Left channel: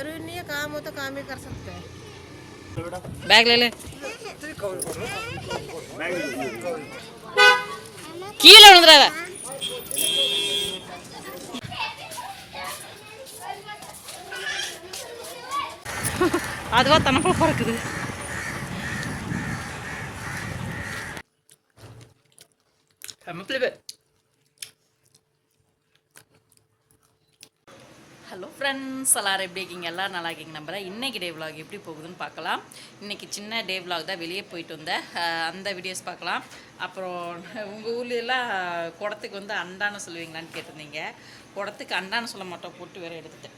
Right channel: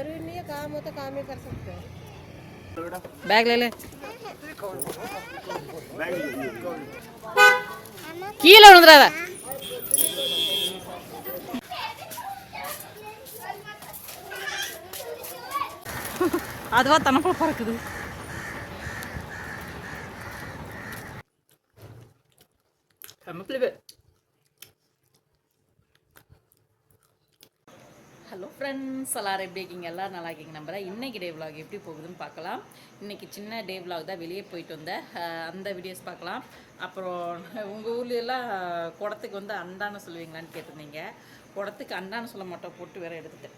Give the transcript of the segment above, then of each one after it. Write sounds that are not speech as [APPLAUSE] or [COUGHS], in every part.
जरूरी नहीं है काम हो तो काम ही कर सकते हैं बैग ले ले கீழே விழுந்துடாத அதுவா தனக்குள்ள பறக்குது ஹலோ ஃப்ரெண்ட்ஸ் எல்லாரும் எப்படி இருக்கீங்க? எல்லோரும் நல்லா இருக்கீங்க. நம்புகிறேன் இன்றைக்கி டே விலாக் எப்படி போகுதுன்னு பார்க்கலாம். இன்றைக்கி சின்ன டே விலாக் தான் வெளியே போயிட்டு வந்தேன். அந்த வீடியோஸ் பார்க்கலாம். அப்புறம் உங்கள் ஊர்லெலாம் குடத்துக்கு வந்து அண்டான்னு சொல்லுவீங்களான்னு கேட்டிருந்தீங்க. குடத்துக்கு அண்டான்னு சொல்ல மாட்டோம். போட்டு வேற எடுத்துட்டேன்.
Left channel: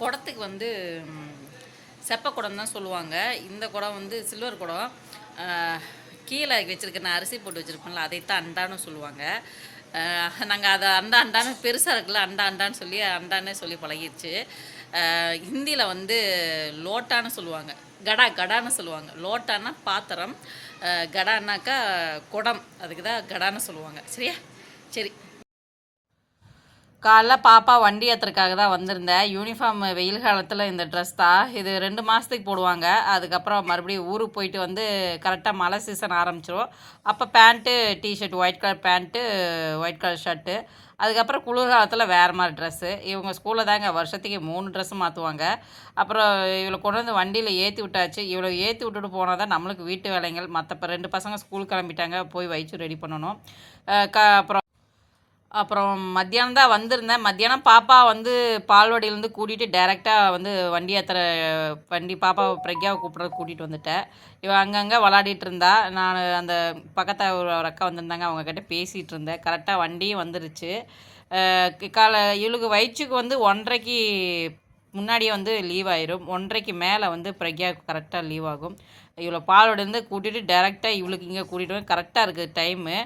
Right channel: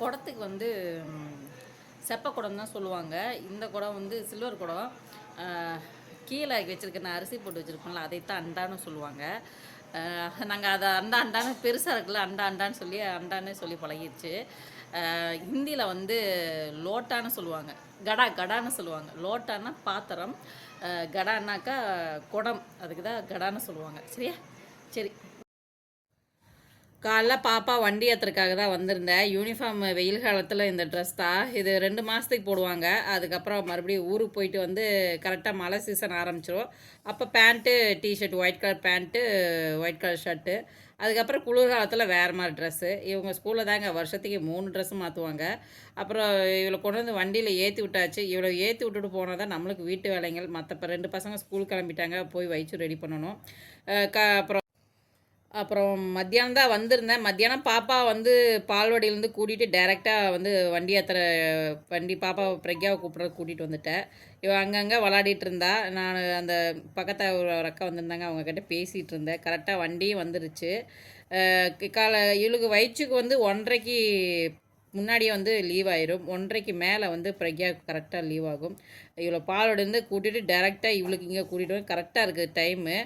குடத்துக்கு வந்து செப்ப குடம் தான் சொல்லுவாங்க. இந்த குடம் வந்து சில்வர் குடம். கீழே வச்சுருக்க நான் அரிசி போட்டு வச்சுருப்பேன்ல அதைத்தான் அண்டான்னு சொல்லுவாங்க. நாங்கள் அதை அண்டா அண்டான்னு பெருசாக இருக்குல்ல அண்டா அண்டான்னு சொல்லி அண்டான்னே சொல்லி பழகிடுச்சு ஹிந்தியில் வந்து லோட்டான்னு சொல்லுவாங்க. கடா கடான்னு சொல்லுவாங்க. லோட்டானா பாத்திரம் கடான்னாக்கா குடம் அதுக்கு தான் கடான்னு சொல்லுவாங்க. சரியா? சரி. காலைல பாப்பா வண்டி ஏற்றுறதுக்காக தான் வந்திருந்தேன். யூனிஃபார்ம் வெயில் காலத்தில் இந்த ட்ரெஸ் தான் இது ரெண்டு மாதத்துக்கு போடுவாங்க. அதுக்கப்புறம் மறுபடியும் ஊருக்கு போயிட்டு வந்து கரெக்டாக மழை சீசன் ஆரம்பிச்சிரும். அப்போ pant T-shirt white colour pant white colour shirt அதுக்கப்புறம் குளிர் காலத்தில் வேறு மாதிரி ட்ரெஸ்ஸு இவங்க ஸ்கூலில் தாங்க வருஷத்துக்கு மூணு ட்ரெஸ்ஸு மாற்றுவாங்க அப்புறம் இவளை கொண்டு வந்து வண்டியில் ஏற்றி விட்டாச்சு. இவளை ஏற்றி விட்டுட்டு போனால் தான் நம்மளுக்கு வீட்டு வேலைகள். மற்ற ரெண்டு பசங்க ஸ்கூல் கிளம்பிட்டாங்க. போய் வயிற்று ரெடி பண்ணணும். க அப்புறம் அப்புறம் மத்தியானம் தான் வந்திருந்தேன். மத்தியானம் பாப்பா வந்து பால்வாடியிலேருந்து கூட்டிகிட்டு டேரெக்டாக வந்து வண்டி ஏற்றுற வண்டி பாப்பா பிரக்யாவை கூப்பிட்ற கூட்டிகிட்டு வந்துட்டேன். இவன் அங்கங்கே விளாடிட்டு இருந்தா. நான் அந்த பக்கத்தில் ஒரு அக்கா வந்திருந்தாங்க. அவங்கக்கிட்ட பேசிகிட்டு இருந்தேன். கரெக்டாக வண்டியும் வந்துருச்சு. கால காலை இவளுக்கு வயிற்றுக்கு வந்து ஒன்றரைக்கு முன்னாடியே வந்து லீவ் ஆயிரும். ஒன்றரைக்கு மேலே வந்து பிரக்யா கரெக்டாக லீவ் ஆகும். இவ்வளோ பாலோடேருந்து கூட்டிகிட்டு டேரெக்டாக இவளுக்கு இங்கே கூட்டிகிட்டு வந்து கரெக்டாக இருக்குது டைமு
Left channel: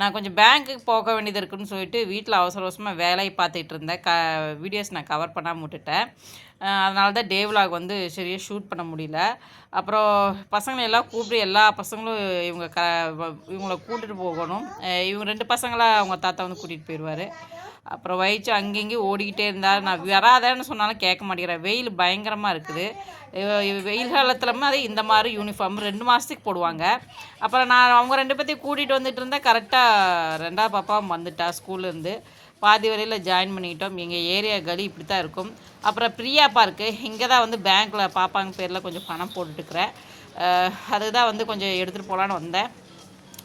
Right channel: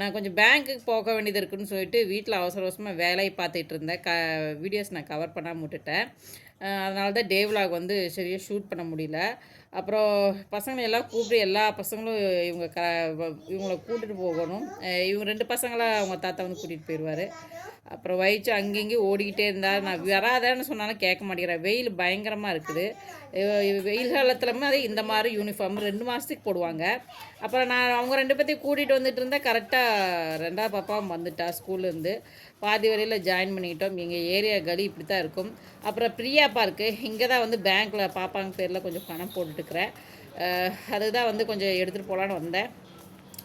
நான் கொஞ்சம் பேங்க்குக்கு போக வேண்டியது இருக்குன்னு சொல்லிட்டு வீட்டில் அவசர அவசரமாக வேலையை பார்த்துட்டு இருந்தேன். க வீடியோஸ் நான் கவர் பண்ணாமல் விட்டுட்டேன். அதனால தான் டே விலாக் வந்து சரியாக ஷூட் பண்ண முடியல. அப்புறம் பசங்களை எல்லாம் கூப்பிட்டு எல்லா பசங்களும் இவங்க க இவங்கள கூட்டிகிட்டு போகணும். இவங்க ரெண்டு பசங்களை அவங்க தாத்தா வந்து கூட்டிகிட்டு போயிடுவார் அப்புறம் வயிற்று அங்கங்கேயும் ஓடிக்கிட்டே இருந்தால் நான் வராதேன்னு சொன்னாலும் கேட்க மாட்டேங்கிறேன். வெயில் பயங்கரமாக இருக்குது. வெயில் காலத்துலமே அதே இந்த மாதிரி யூனிஃபார்ம் ரெண்டு மாதத்துக்கு போடுவாங்க. அப்புறம் நான் அவங்க ரெண்டு பேர்த்தையும் கூட்டிகிட்டு வந்துட்டு இருந்தேன். கரெக்டாக ரெண்டாவது பாப்பாவும் வந்துட்டா ஸ்கூல்லேருந்து பாதி வரையில் ஜாயின் பண்ணிக்கிட்டோம். எங்கள் ஏரியா கலி இப்படி தான் இருக்கும். அப்புறம் பிரியா பார்க்கு இங்கே தான் வந்து பேங்க்கில் பாப்பாங்க பேரில் கொஞ்சம் பணம் போட்டுட்டுருக்குறேன். அதுதான் வந்து கொஞ்சம் எடுத்துகிட்டு போகலான்னு வந்தேன்.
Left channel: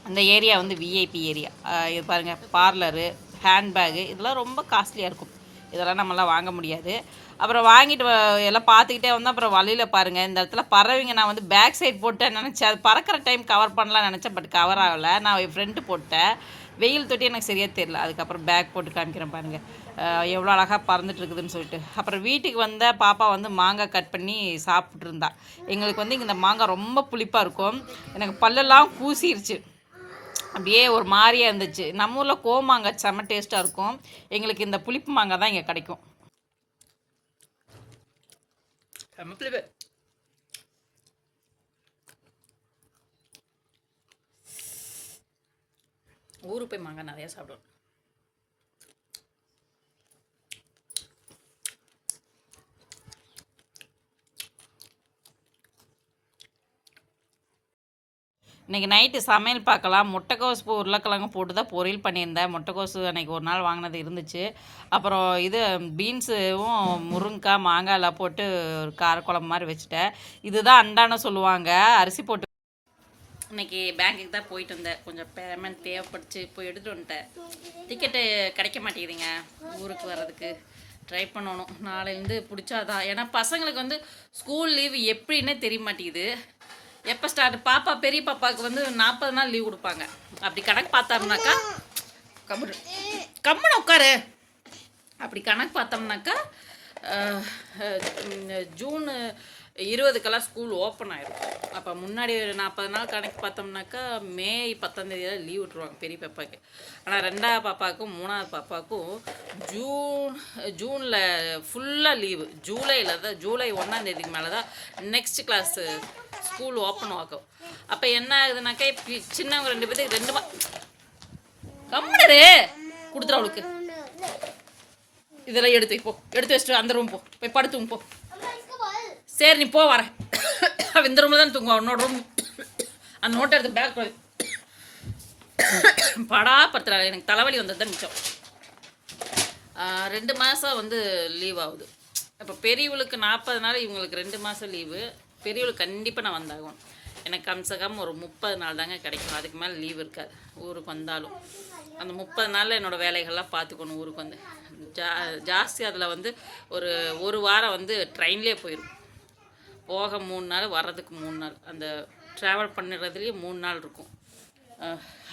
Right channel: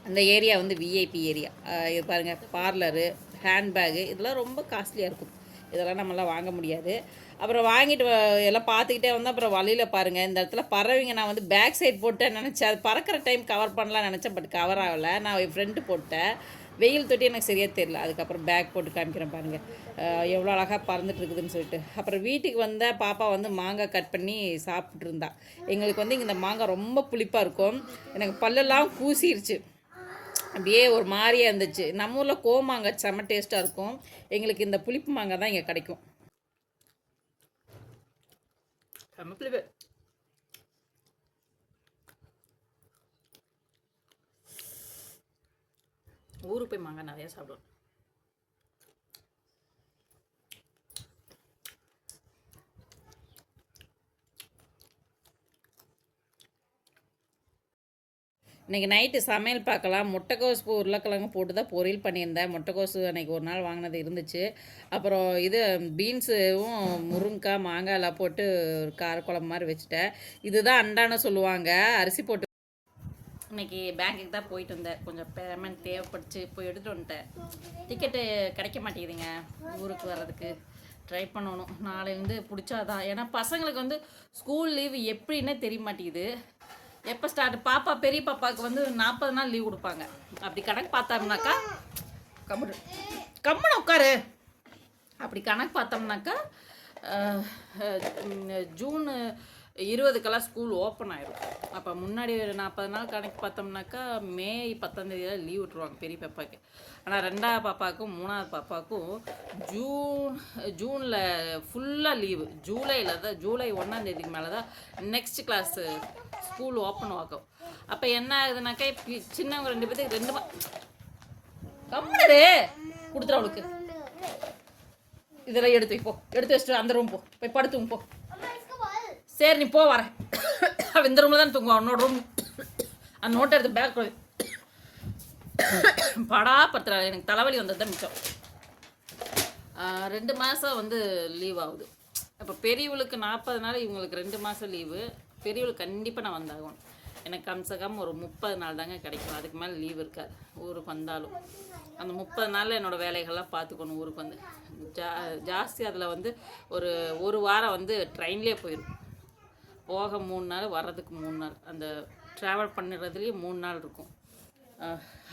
அந்த ஏரியா வந்து விஐபி ஏரியா இது பாருங்கள் பார்லரு ஹேண்ட்பேகு இதெல்லாம் ரொம்ப காஸ்ட்லியாக இருக்கும். இதெல்லாம் நம்மளாம் வாங்க முடியாது. அப்புறம் வாங்கிட்டு வ- எல்லாம் பார்த்துக்கிட்டே வந்து அப்புறம் வழியில் பாருங்கள் இந்த இடத்துல பறவைங்க நான் வந்து பேக் சைட் போட்டேன் நினச்சேன். அது பறக்கிற டைம் கவர் பண்ணலாம் நினச்சேன் பட் கவர் ஆகலை. நான் என் ஃப்ரெண்டு போட்டேன். வெயில் தொட்டி எனக்கு சரியாக தெரியல. அதுக்கப்புறம் பேக் போட்டு காமிக்கிறேன் பாருங்கள் எவ்வளோ அழகாக பறந்துட்டுருக்குதுன்னு சொல்லிட்டு. அப்புறம் வீட்டுக்கு வந்த பாப்பா வந்து மாங்காய் கட் பண்ணி சாப்பிட்ருந்தா எங்களுக்கு வந்து இங்கே இந்த மாங்காய் ரொம்ப புளிப்பாக இருக்கும். எனக்கு பல்லெல்லாம் கூசிருச்சு அப்படியே ஒரு மாதிரியாக இருந்துச்சு. நம்ம ஊரில் கோமாங்காய் செம்ம டேஸ்ட்டாக இருக்கும். எங்களுக்கு இந்த புளிப்பு மாங்காய் தான் இங்கே கிடைக்கும். செம்ம புளிப்பு. ஊருக்கு போய் மாங்காய் நிறையா சாப்பிடுவோம். இன்றைக்கி நைட்டு சமையல் பார்க்கலாம். முட்டைக்கோஸ் பூ உருளைக்கிழங்கு போட்டு தான் பொரியல் பண்ணியிருந்தேன். முட்டைக்கோசு அன்றைக்கி ஒரு நாள் வாங்கினது இருந்துச்சு. அப்புறம் இது பீன்ஸும் முருங்கைக்காய் மாங்காய் எல்லாம் போட்டு ஒரு காரக்குழம்பு மாதிரி வச்சுட்டேன். இதுதான் அண்டான சொல்லுவாங்க. அரிசி போட்டு இன்னைக்கு பேங்க்குக்கு தான் போயிட்டு வந்தேன். கொஞ்சம் பேமெண்ட் தேவைப்படுச்சு. போய் எடுத்துகிட்டு வந்துட்டேன். டிக்கெட்டு கிடைக்க மாட்டேங்குதுங்க. ஊருக்கு வர்றதுக்கு ட்ரை பண்ணணும். நாளையிலேருந்து பிடிச்சாதான். ஏன்னா பசங்களுக்கு வந்து ஸ்கூல் லீவு எப்படின்னே தெரிய மாட்டேங்குது. எப்போ ஸ்டார்ட் பாப்பா பெரிய பாப்பாவுக்கு வந்து நாற்பது நாள் லீவ் கொடுப்பாங்க. அப்படி கணக்கு பார்த்தோம்னாக்கா கம்முனு. கம்முனு உட்காரு. அப்படி கணக்கு பார்த்தோம்னாக்கா ஜூனு ஜூன் இருபதுக்கெல்லாம் ஸ்கூல் ஓப்பன் ஆகிடும் அப்போ முன்னாடி நாற்பது நாள் கணக்கு பார்த்தோம்னாக்கா மே பத்தாந்தேதி தான் லீவ் விட்ருவாங்க பெரிய பாப்பாவுக்கு ஆனால் ரெண்டாவது பாப்பாவுக்கும் மூணாவது பாப்பாவுக்கும் ஜூன் ஜூனில் ஃபுல்லாக லீவு ஜூலையில் தான் ஜூலை ஒன்றாந்தேதிக்கு மேலே தான் நெக்ஸ்ட் கிளாஸு ஸ்கூல் ஓப்பன் ஆகும். அப்போ என்ன ஆகுதுனாக்கா இப்போ சின்னவங்க ரெண்டு பேர்த்துக்கு ரெண்டு மா கம்முனரு கொடுத்துரு அவளுக்கு. இதெல்லாம் எடுத்து போ எடுத்து வச்சுட்டு அந்த ரூம் போ. போய் படுத்துங்க போ. சரி நீ போ வரேன். [COUGHS] அவன் இந்த ரூமில் தான் தூங்குவான் உன்னோட ரூம் அந்த நோட்டை எடுத்து பேக் [COUGHS] படா. பத்திர எனக்கு தலைவலி வந்தது தான் மிச்சம். ரெண்டு மாதம் வந்து லீவ் ஆகுது. இப்போ பெரியவளுக்கு நாற்பது நாள் இவங்களுக்கு ரெண்டு மாதம் லீவு பெரியவளுக்கு கண்டிப்பாக நான் வந்தாகணும். எனக்கு கம்சகம் ஒரு முப்பது நாள் தாங்க கிடைக்கும். அதுக்கு மேலே லீவ் இருக்காது. ஊருக்கு வந்தாலும். அந்த முப்பது நாளில் என்னோடய வேலைகள்லாம் பார்த்துக்கணும் ஊருக்கு வந்து. ஜா ஜாஸ்தி அதில் வந்து ஒரு ஒரு வாரம் வந்து ட்ரெயின்லேயே போயிடும் போக மூணு நாள் வர்றதுக்கு மூணு நாள். அந்த ட்ராவல் பண்ணுறதுலேயே மூணு நாள் இருக்கும்.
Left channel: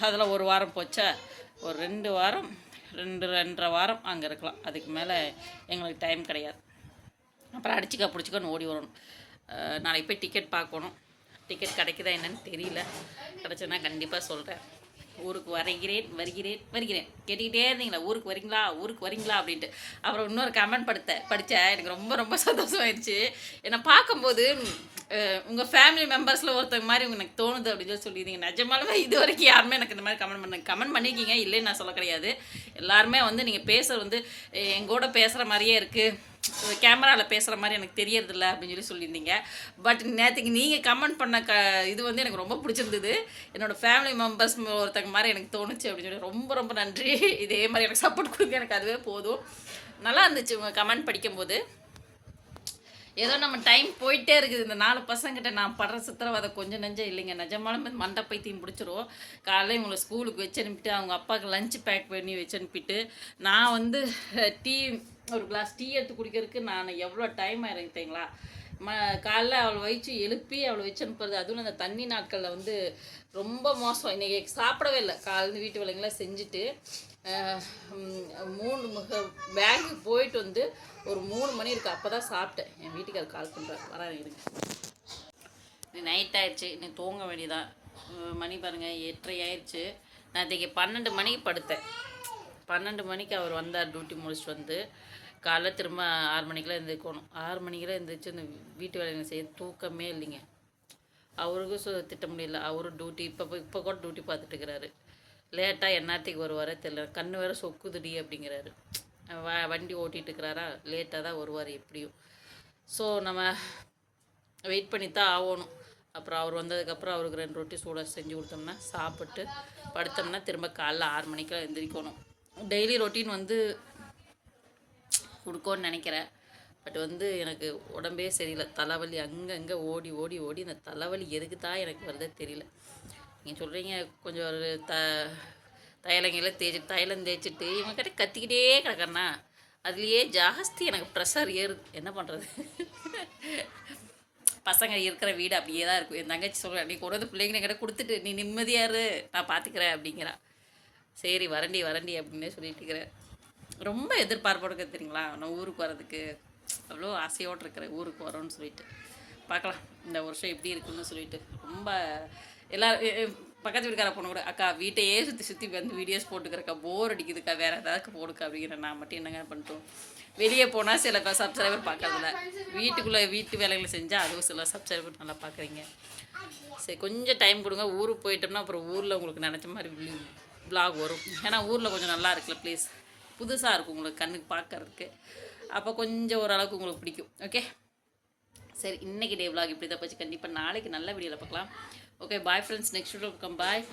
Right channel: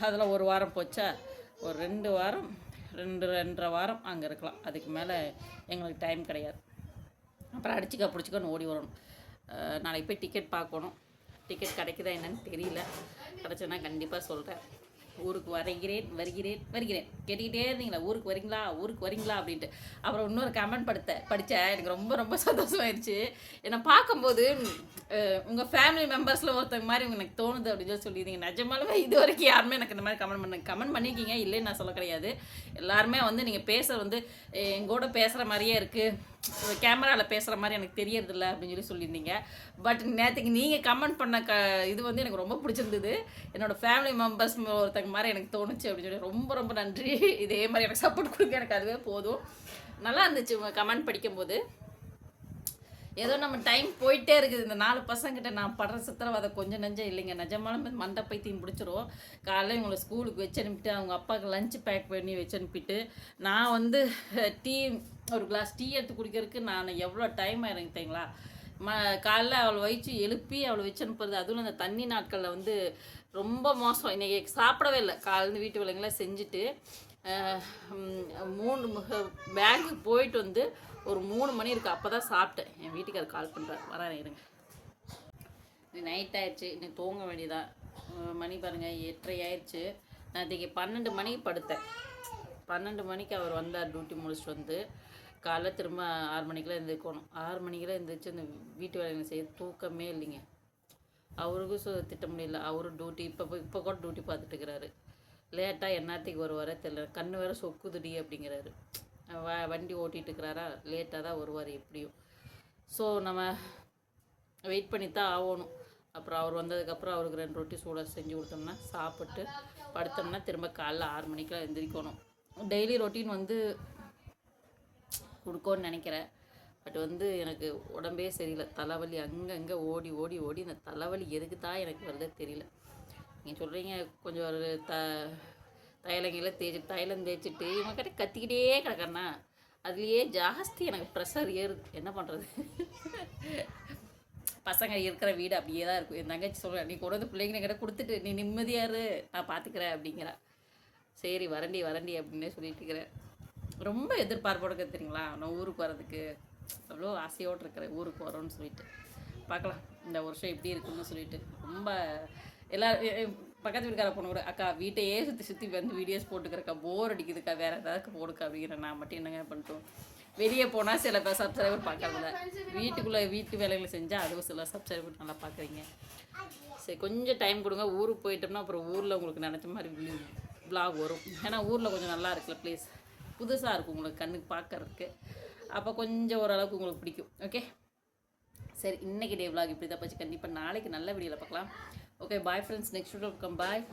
அதில் ஒரு வாரம் போச்சா? ஒரு ரெண்டு வாரம் ரெண்டு ரெண்டரை வாரம் அங்கே இருக்கலாம். அதுக்கு மேலே எங்களுக்கு டைம் கிடையாது. அப்புறம் அடிச்சுக்க பிடிச்சிக்கன்னு ஓடி வரணும். நாளைக்கு போய் டிக்கெட் பார்க்கணும். டிக்கெட் கிடைக்குதா என்னன்னு தெரியல. கிடச்சுன்னா கண்டிப்பாக சொல்கிறேன் ஊருக்கு வரைகிறேன் வருகிறேன் வருகிறேன். கேட்டுக்கிட்டே இருந்தீங்களா? ஊருக்கு வரீங்களா ஊருக்கு வரீங்களா அப்படின்ட்டு. அப்புறம் இன்னொரு கமெண்ட் படுத்த படித்தேன் எனக்கு ரொம்ப ரொம்ப சந்தோஷமாயிருச்சு. என்னை பார்க்கும்போது உங்கள் ஃபேமிலி மெம்பர்ஸில் ஒருத்தங்க மாதிரி எனக்கு தோணுது அப்படின்னு சொல்லி சொல்லியிருந்தீங்க நிஜமாலுமே இது வரைக்கும் யாருமே எனக்கு இந்த மாதிரி கமெண்ட் பண்ண கமெண்ட் பண்ணியிருக்கீங்க. இல்லைன்னு நான் சொல்ல கிடையாது. எல்லாருமே வந்து நீங்கள் பேசுகிறது வந்து எங்கூட பேசுகிற மாதிரியே இருக்குது கேமராவில் பேசுகிற மாதிரி எனக்கு தெரியறதில்ல அப்படின்னு சொல்லி சொல்லியிருந்தீங்க. பட் நேற்றுக்கு நீங்கள் கமெண்ட் பண்ண க இது வந்து எனக்கு ரொம்ப பிடிச்சிருந்தது. என்னோடய ஃபேமிலி மெம்பர்ஸ் ஒருத்தங்க மாதிரி எனக்கு தோணுச்சு அப்படின்னு சொல்லி ரொம்ப ரொம்ப நன்றி. இதே மாதிரி எனக்கு சப்போர்ட் கொடுக்க எனக்கு அதுவே போதும். நல்லா இருந்துச்சு உங்கள் கமெண்ட் படிக்கும்போது. ஏதோ நம்ம டைம் போயிட்டே இருக்குது. இந்த நாலு பசங்கிட்ட நான் படுற சித்திரவதை கொஞ்சம் நெஞ்சம் இல்லைங்க. நிஜமாலுமே மண்டை பைத்தியம் பிடிச்சிரும். காலையில் இவங்களை ஸ்கூலுக்கு வச்சு அனுப்பிட்டு அவங்க அப்பாவுக்கு லஞ்ச் பேக் பண்ணி வச்சு அனுப்பிட்டு நான் வந்து டீ ஒரு கிளாஸ் டீ எடுத்து குடிக்கிறதுக்கு நான் எவ்வளோ டைம் ஆயிருக்கு தெரியுங்களா? ம காலைல அவளை வயிற்று எழுப்பி அவளை வச்சு அனுப்புறது அதுவும் அந்த தண்ணி நாட்களில் வந்து ரொம்ப மோசம். இன்றைக்கி சாப்பிடவே இல்லை. காலையில் வீட்டு வேலைங்களாம் செஞ்சுட்டு மூணு பேங்க்கு போயிட்டு வந்து ஒரு மூணு மணி இருக்கு. அப்போ தான் சாப்பிட்டேன். என் வீட்டுக்காரர் கால் பண்ணுறாரு வரேன் இருங்க. நைட் ஆயிடுச்சு. இன்னைக்கு தூங்க வேண்டியதான் மணி பாருங்கள் எட்டரை ஆயிடுச்சு. நான் இன்றைக்கி பன்னெண்டு மணிக்கு படுத்தேன். பன்னெண்டு மணிக்கு அவர் வந்தார். டியூட்டி முடிச்சுட்டு வந்து. காலைல திரும்ப ஆறு மணிக்கெலாம் எழுந்திரிக்கணும் ஆறு மணிக்கெல்லாம் எழுந்திரிச்சு இந்த வீட்டு வேலைகளை செய்ய தூக்கமே இல்லைங்க. அவருக்கும் சு திட்ட முடியல. அவரும் டியூட்டி இப்போ இப்போ கூட டியூட்டி பார்த்துட்டு இருக்கிறாரு. லேட்டாக எந்நேரத்துக்கு வருவாரே தெரியல கண்ணு வேற சொக்குதுடி அப்படிங்கிறாரு. வ வண்டி ஓட்டிகிட்டு இருக்கிறாரா லேட்டாக தான் வருவார் எப்படியும். ஸோ நம்ம வெயிட் பண்ணி தான் ஆகணும். அப்புறம் அவர் வந்ததுக்கப்புறம் அவருக்கு ரெண்டு ரொட்டி சூடாக செஞ்சு கொடுத்தோம்னா சாப்பிட்டு படுத்தோம்னா திரும்ப காலைல ஆறு மணிக்கெல்லாம் எந்திரிக்கணும். டெய்லி ரொட்டீன் வந்து கொடுக்கோன்னு நினைக்கிறேன். பட் வந்து எனக்கு உடம்பே சரியில்லை. தலைவலி அங்கங்கே ஓடி ஓடி ஓடி இந்த தலைவலி எதுக்கு தான் எனக்கு வருதே தெரியல. நீங்கள் சொல்கிறீங்க கொஞ்சம் ஒரு த தைலங்கையில் தேய்ச்சி தைலம் தேய்ச்சிட்டு இவன் கிட்ட கத்திக்கிட்டே கிடக்கண்ணா அதுலேயே ஜாஸ்தி எனக்கு ப்ரெஷர் ஏறுது என்ன பண்ணுறது பசங்க இருக்கிற வீடு அப்படியே தான் இருக்கும். என் தங்கச்சி சொல்கிறேன் நீ கொண்டு வந்து பிள்ளைங்க கிட்ட கொடுத்துட்டு நீ நிம்மதியாக இரு நான் பார்த்துக்கிறேன் அப்படிங்கிறா. சரி வரண்டி வரண்டி அப்படின்னே சொல்லிட்டு இருக்கிறேன் ரொம்ப எதிர்பார்ப்போடு இருக்கு தெரியுங்களா? நான் ஊருக்கு வர்றதுக்கு. அவ்வளோ ஆசையோடு இருக்கிறேன் ஊருக்கு வரோன்னு சொல்லிட்டு. பார்க்கலாம் இந்த வருஷம் எப்படி இருக்குன்னு சொல்லிட்டு. ரொம்ப எல்லா பக்கத்து வீட்டுக்கார பொண்ணு கூட அக்கா வீட்டையே சுற்றி சுற்றி வந்து வீடியோஸ் போட்டுக்கிறக்கா போர் அடிக்குதுக்கா வேறு ஏதாவது போடுக்கா அப்படிங்கிற நான் மட்டும் என்னங்க பண்ணிட்டோம். வெளியே போனால் சில சப்ஸ்கிரைபர் பார்க்கறதில்ல வீட்டுக்குள்ளே வீட்டு வேலைகளை செஞ்சால் அதுவும் சில சப்ஸ்கிரைபர் நல்லா பார்க்குறீங்க. சரி கொஞ்சம் டைம் கொடுங்க. ஊருக்கு போயிட்டோம்னா அப்புறம் ஊரில் உங்களுக்கு நினச்ச மாதிரி ப்ளாக் வரும். ஏன்னா ஊரில் கொஞ்சம் நல்லா இருக்குல்ல ப்ளீஸ் புதுசாக இருக்கும் உங்களுக்கு கண்ணுக்கு பார்க்கறதுக்கு. அப்போ கொஞ்சம் ஓரளவுக்கு உங்களுக்கு பிடிக்கும். ஓகே சரி இன்னைக்கு டே vlog இப்படி தான் போச்சு. கண்டிப்பாக நாளைக்கு நல்ல வீடியோவில் பார்க்கலாம். Okay, bye friends. Next video come by.